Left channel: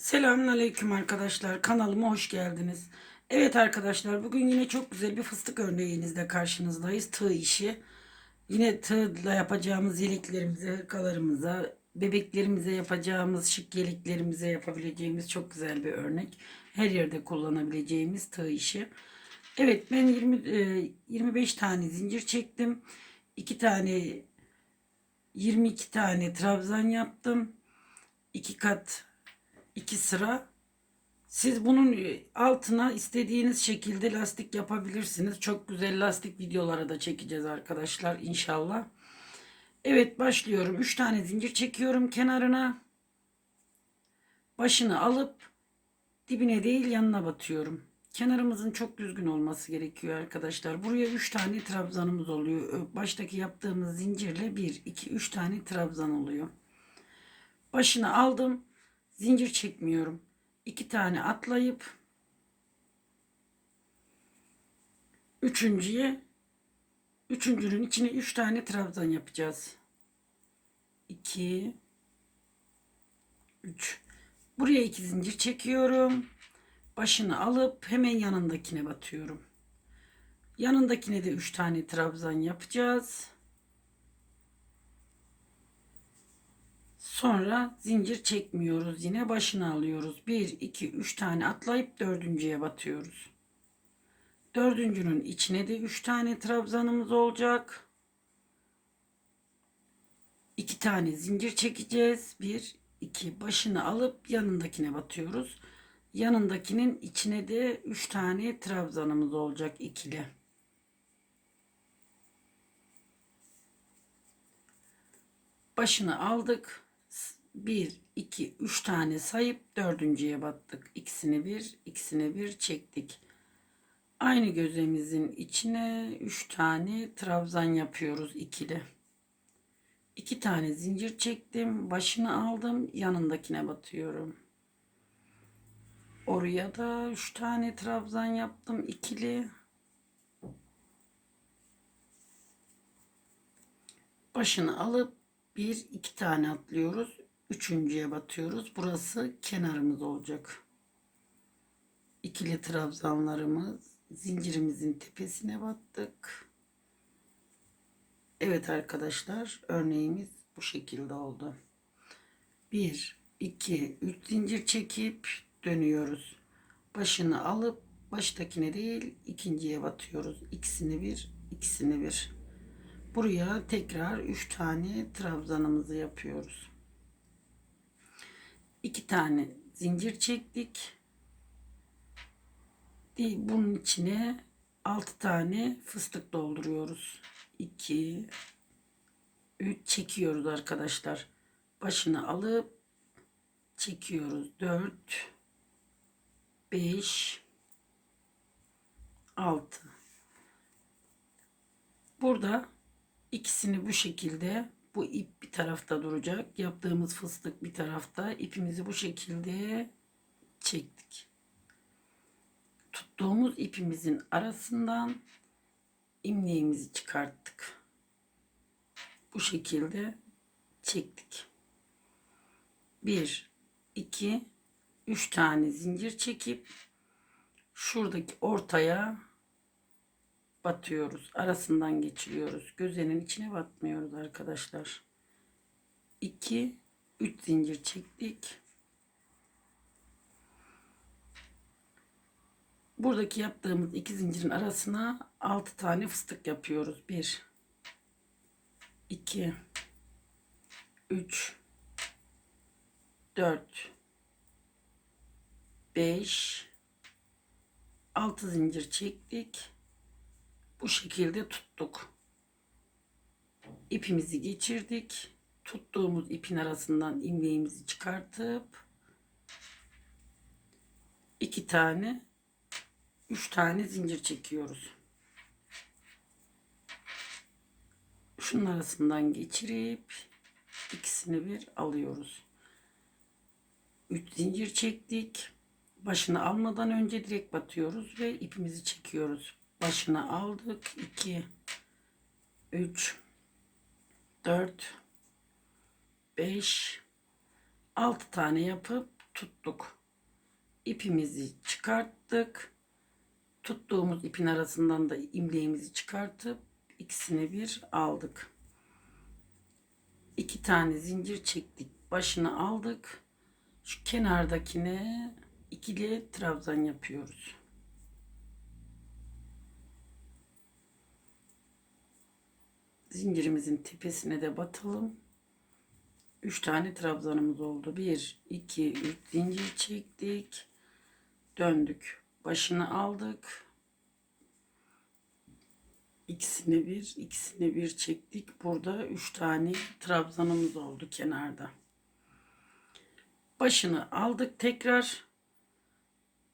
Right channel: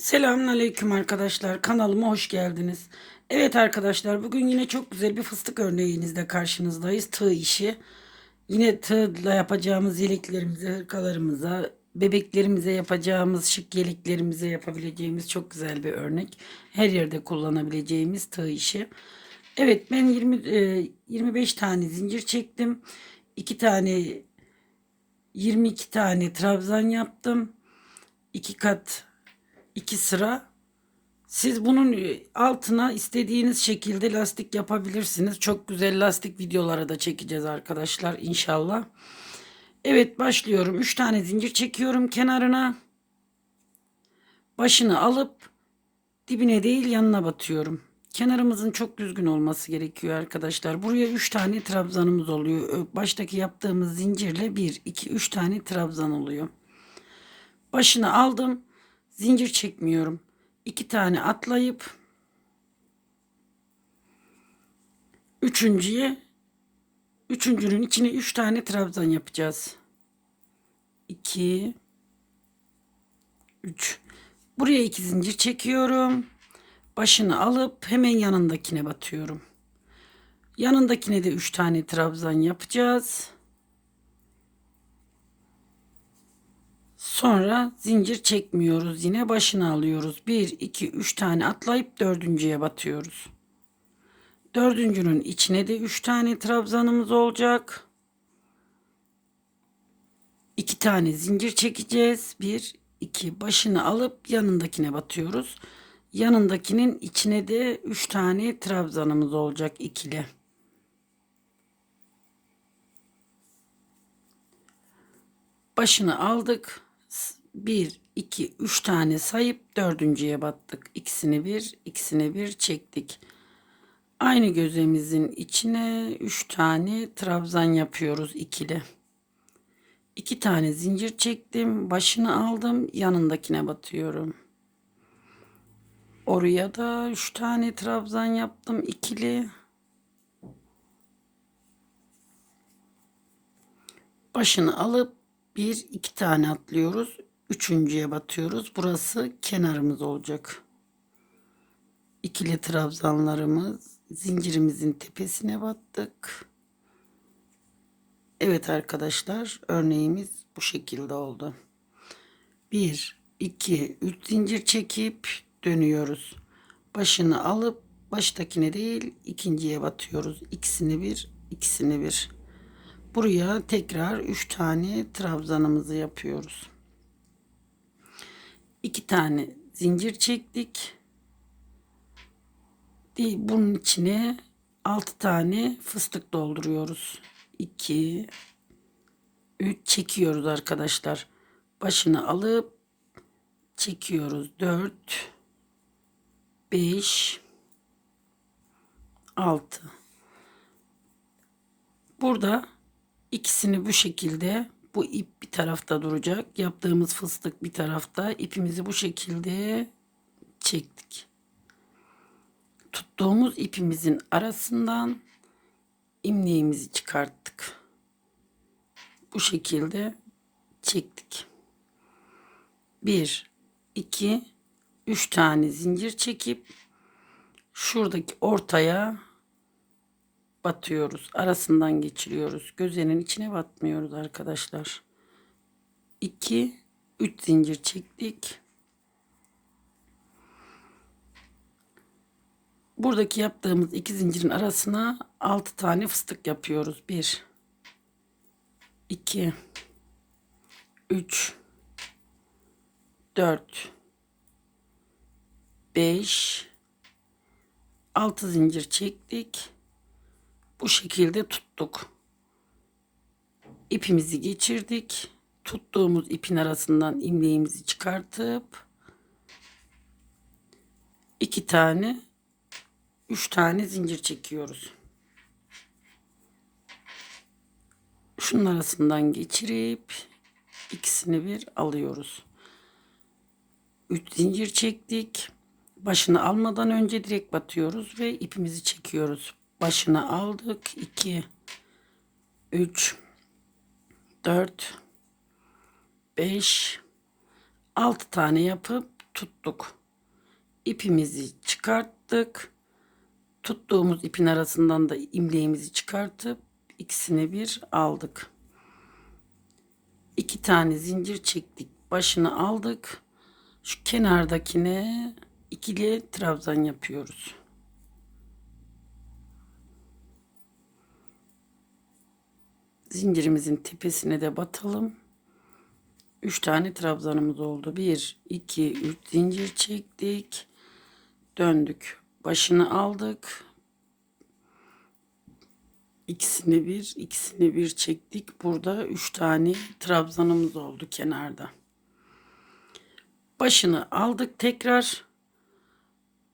Selamünaleyküm arkadaşlar. Kanalıma hoş geldiniz. Evet arkadaşlar bugün yine çok güzel bir fıstık örneğinizle karşınızdayız. Tığ işi. Yine tığla yapacağımız yeleklerimize, hırkalarımıza, bebeklerimize yapacağımız şık yeleklerimize yapabileceğimiz çok güzel bir örnek. Her yerde kullanabileceğimiz tığ işi. Evet ben 20 e, 25 tane zincir çektim. 2 tane 22 tane trabzan yaptım. 2 kat 2 sıra. Siz bunun altına istediğiniz şekilde lastik yapabilirsiniz. Çok güzel lastik videoları da çekeceğiz arkadaşlar inşallah. Evet başlıyorum. 3 tane zincir çekiyorum kenarına. Başını alıp dibine değil yanına batıyorum. Kenarımızın çok düzgün olması gerekiyor arkadaşlar. Buraya 3 tane trabzanımız oluyor. Baştaki yaptığımız zincirle 1, 2, 3 tane trabzan oluyor. Başını aldım. Zincir çekmiyorum. 2 tane atlayıp üçüncüye üçüncünün içine 3 tane trabzan yapacağız. 2 3 Buraya 2 zincir çekiyorum. Başını alıp hemen yanındakine batıyorum. Yanındakine de 3 tane trabzan yapacağız. Sonra zincir çekmiyoruz. Yine başını alıyoruz. 1, 2, 3 tane atlayıp dördüncüye batıyoruz. Dördüncünün içine de 3 tane trabzanımız olacak. 2 tane zincir çekeceğiz. 1, 2 başını alıp yanındakine batıyoruz. Yanındakinin içine de 3 tane trabzanımız olacak ikili. Başını aldık. 1, 2, 3 tane sayıp dördüncüye battık. İkisini bir, ikisini bir çektik. Aynı gözemizin içine 3 tane trabzan yapıyoruz ikili. 2 tane zincir çektim. Başını aldım. Yanındakine batıyorum. Oraya da 3 tane trabzan yaptım ikili. Başını alıp bir iki tane atlıyoruz. Üçüncüye batıyoruz. Burası kenarımız olacak. İkili trabzanlarımız zincirimizin tepesine battık. Evet arkadaşlar örneğimiz bu şekilde oldu. 1 2 3 zincir çekip dönüyoruz. Başını alıp baştakine değil ikinciye batıyoruz. İkisini bir, ikisini bir. Buraya tekrar 3 tane trabzanımızı yapıyoruz. 2 tane zincir çektik. Bunun içine 6 tane fıstık dolduruyoruz. 2 3 çekiyoruz arkadaşlar. Başını alıp çekiyoruz. 4 5 6 Burada İkisini bu şekilde bu ip bir tarafta duracak. Yaptığımız fıstık bir tarafta. ipimizi bu şekilde çektik. Tuttuğumuz ipimizin arasından imleğimizi çıkarttık. Bu şekilde çektik. 1 2 3 tane zincir çekip şuradaki ortaya batıyoruz. Arasından geçiriyoruz. Gözenin içine batmıyoruz arkadaşlar. 2 3 zincir çektik. Buradaki yaptığımız iki zincirin arasına 6 tane fıstık yapıyoruz. 1 2 3 4 5 6 zincir çektik bu şekilde tuttuk. İpimizi geçirdik. Tuttuğumuz ipin arasından ilmeğimizi çıkartıp iki tane üç tane zincir çekiyoruz. Şunun arasından geçirip ikisini bir alıyoruz. Üç zincir çektik. Başını almadan önce direkt batıyoruz ve ipimizi çekiyoruz başına aldık. 2 3 4 5 6 tane yapıp tuttuk. İpimizi çıkarttık. Tuttuğumuz ipin arasından da imleğimizi çıkartıp ikisini bir aldık. İki tane zincir çektik. Başını aldık. Şu kenardakine ikili trabzan yapıyoruz. Zincirimizin tepesine de batalım. 3 tane trabzanımız oldu. 1, 2, 3 zincir çektik. Döndük. Başını aldık. İkisini bir, ikisini bir çektik. Burada 3 tane trabzanımız oldu kenarda. Başını aldık tekrar.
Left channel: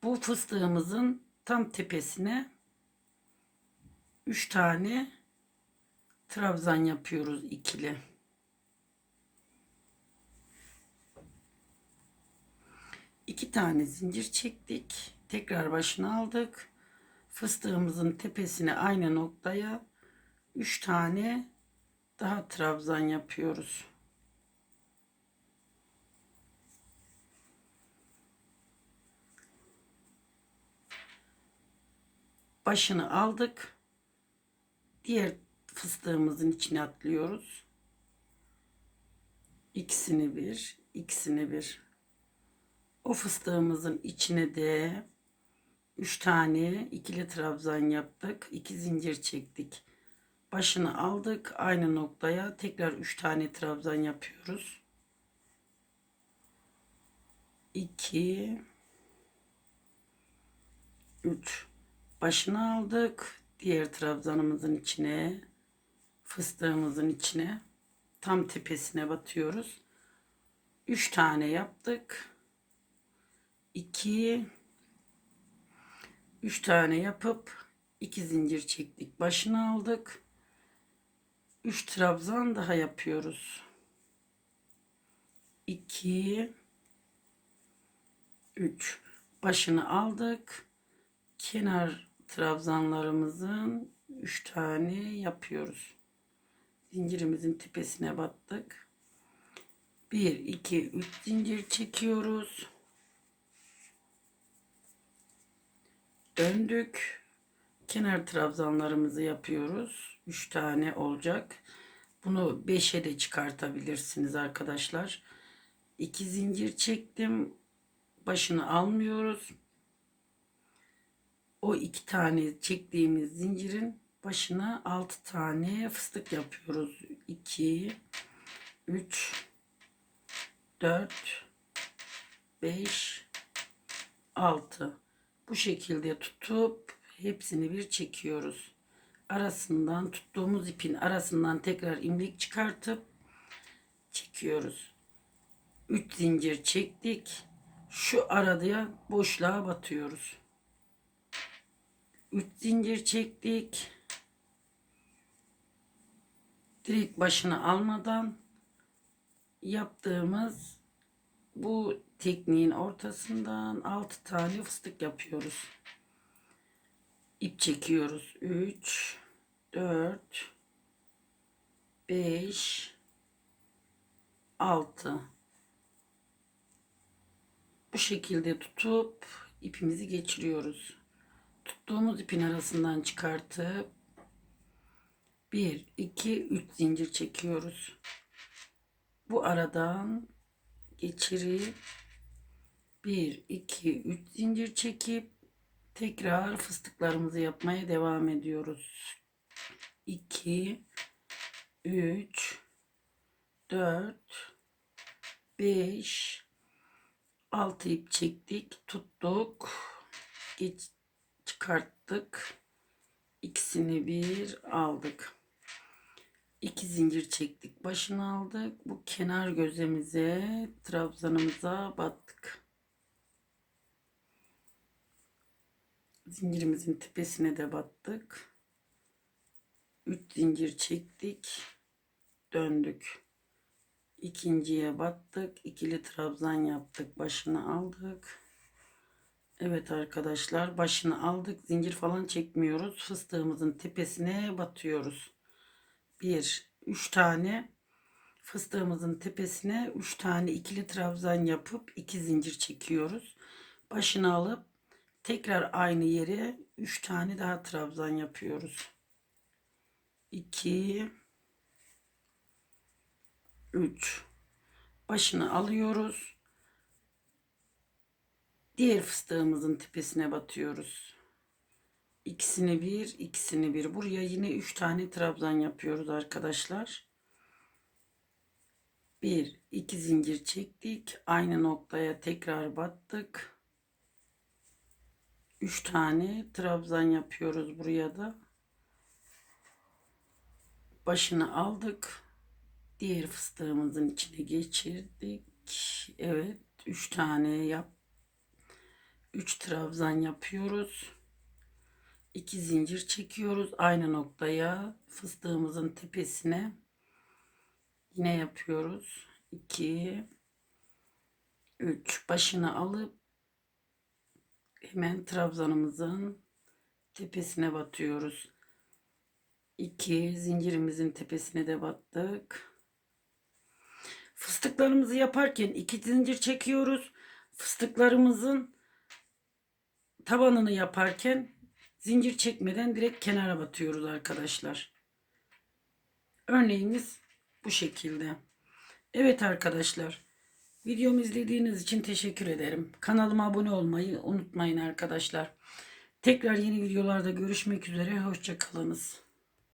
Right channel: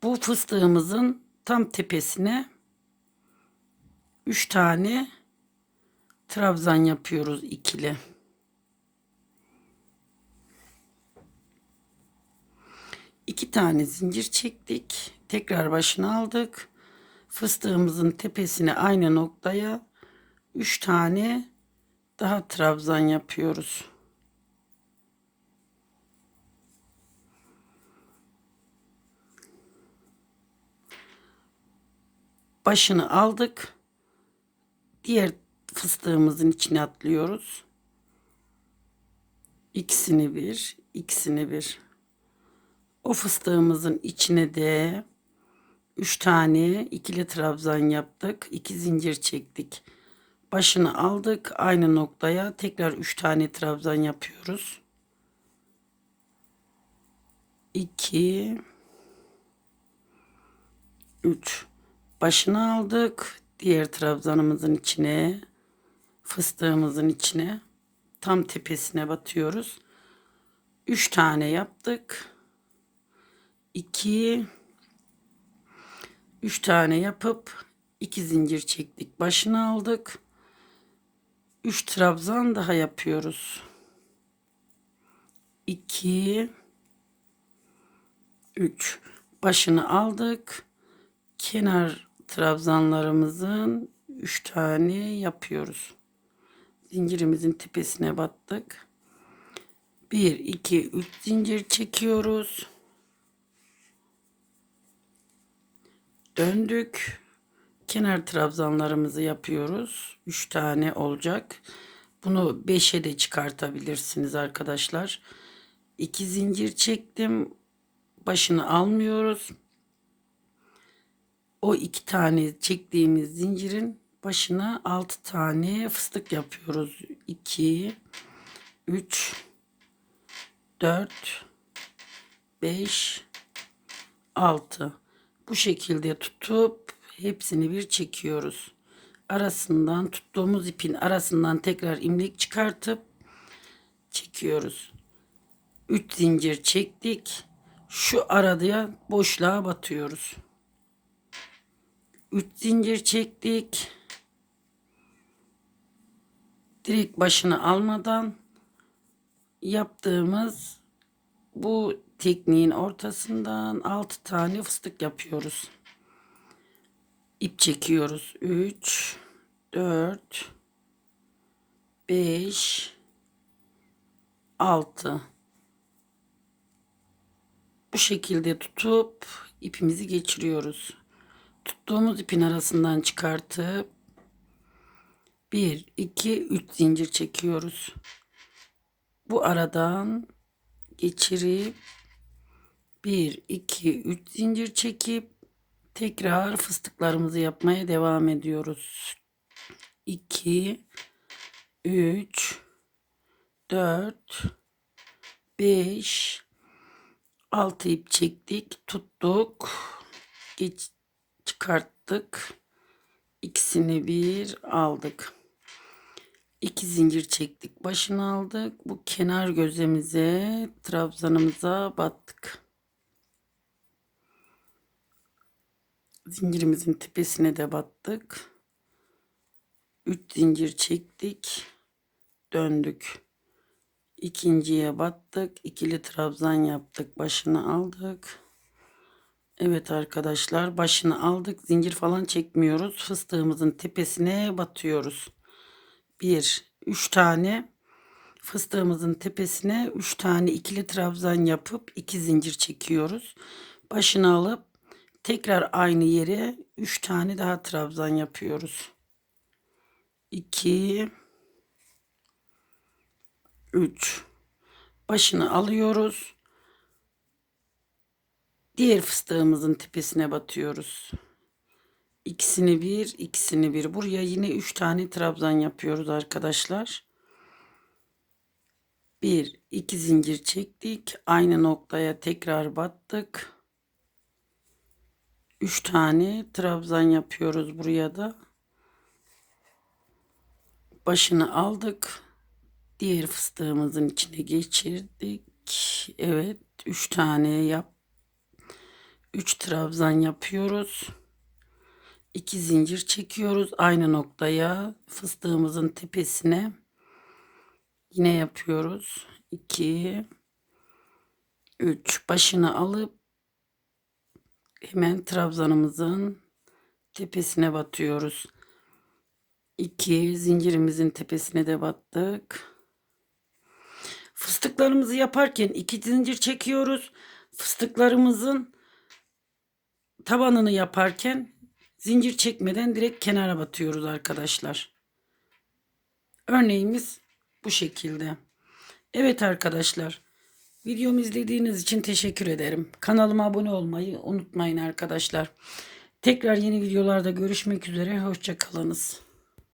Bu fıstığımızın tam tepesine 3 tane trabzan yapıyoruz ikili. İki tane zincir çektik. Tekrar başını aldık. Fıstığımızın tepesine aynı noktaya üç tane daha trabzan yapıyoruz. Başını aldık. Diğer fıstığımızın içine atlıyoruz. İkisini bir, ikisini bir. O fıstığımızın içine de 3 tane ikili trabzan yaptık. 2 zincir çektik. Başını aldık. Aynı noktaya tekrar 3 tane trabzan yapıyoruz. 2 3 Başını aldık. Diğer trabzanımızın içine fıstığımızın içine tam tepesine batıyoruz. 3 tane yaptık. 2 3 tane yapıp 2 zincir çektik. Başını aldık. 3 trabzan daha yapıyoruz. 2 3 başını aldık. Kenar trabzanlarımızın 3 tane yapıyoruz. Zincirimizin tepesine battık. 1 2 3 zincir çekiyoruz. döndük. Kenar trabzanlarımızı yapıyoruz. 3 tane olacak. Bunu 5'e de çıkartabilirsiniz arkadaşlar. 2 zincir çektim. Başını almıyoruz. O iki tane çektiğimiz zincirin başına 6 tane fıstık yapıyoruz. 2 3 4 5 6 bu şekilde tutup hepsini bir çekiyoruz. Arasından tuttuğumuz ipin arasından tekrar imlek çıkartıp çekiyoruz. 3 zincir çektik. Şu arada boşluğa batıyoruz. 3 zincir çektik. Direkt başını almadan yaptığımız bu tekniğin ortasından 6 tane fıstık yapıyoruz. İp çekiyoruz. 3 4 5 6 Bu şekilde tutup ipimizi geçiriyoruz. Tuttuğumuz ipin arasından çıkartıp 1 2 3 zincir çekiyoruz. Bu aradan geçirip 1 2 3 zincir çekip tekrar fıstıklarımızı yapmaya devam ediyoruz. 2 3 4 5 6 ip çektik, tuttuk. Geç çıkarttık. İkisini bir aldık. 2 zincir çektik. Başını aldık. Bu kenar gözemize, trabzanımıza battık. Zincirimizin tepesine de battık. 3 zincir çektik. Döndük. İkinciye battık. ikili trabzan yaptık. Başını aldık. Evet arkadaşlar başını aldık. Zincir falan çekmiyoruz. Fıstığımızın tepesine batıyoruz. 1 3 tane fıstığımızın tepesine 3 tane ikili trabzan yapıp 2 zincir çekiyoruz. Başını alıp tekrar aynı yere 3 tane daha trabzan yapıyoruz. 2 3 başını alıyoruz. Diğer fıstığımızın tepesine batıyoruz. İkisini bir, ikisini bir. Buraya yine üç tane trabzan yapıyoruz arkadaşlar. Bir, iki zincir çektik. Aynı noktaya tekrar battık. Üç tane trabzan yapıyoruz buraya da. Başını aldık. Diğer fıstığımızın içine geçirdik. Evet, üç tane yap. Üç trabzan yapıyoruz. 2 zincir çekiyoruz aynı noktaya fıstığımızın tepesine. Yine yapıyoruz. 2 3 başını alıp hemen trabzanımızın tepesine batıyoruz. 2 zincirimizin tepesine de battık. Fıstıklarımızı yaparken iki zincir çekiyoruz. Fıstıklarımızın tabanını yaparken zincir çekmeden direkt kenara batıyoruz arkadaşlar. Örneğimiz bu şekilde. Evet arkadaşlar. Videomu izlediğiniz için teşekkür ederim. Kanalıma abone olmayı unutmayın arkadaşlar. Tekrar yeni videolarda görüşmek üzere. Hoşçakalınız.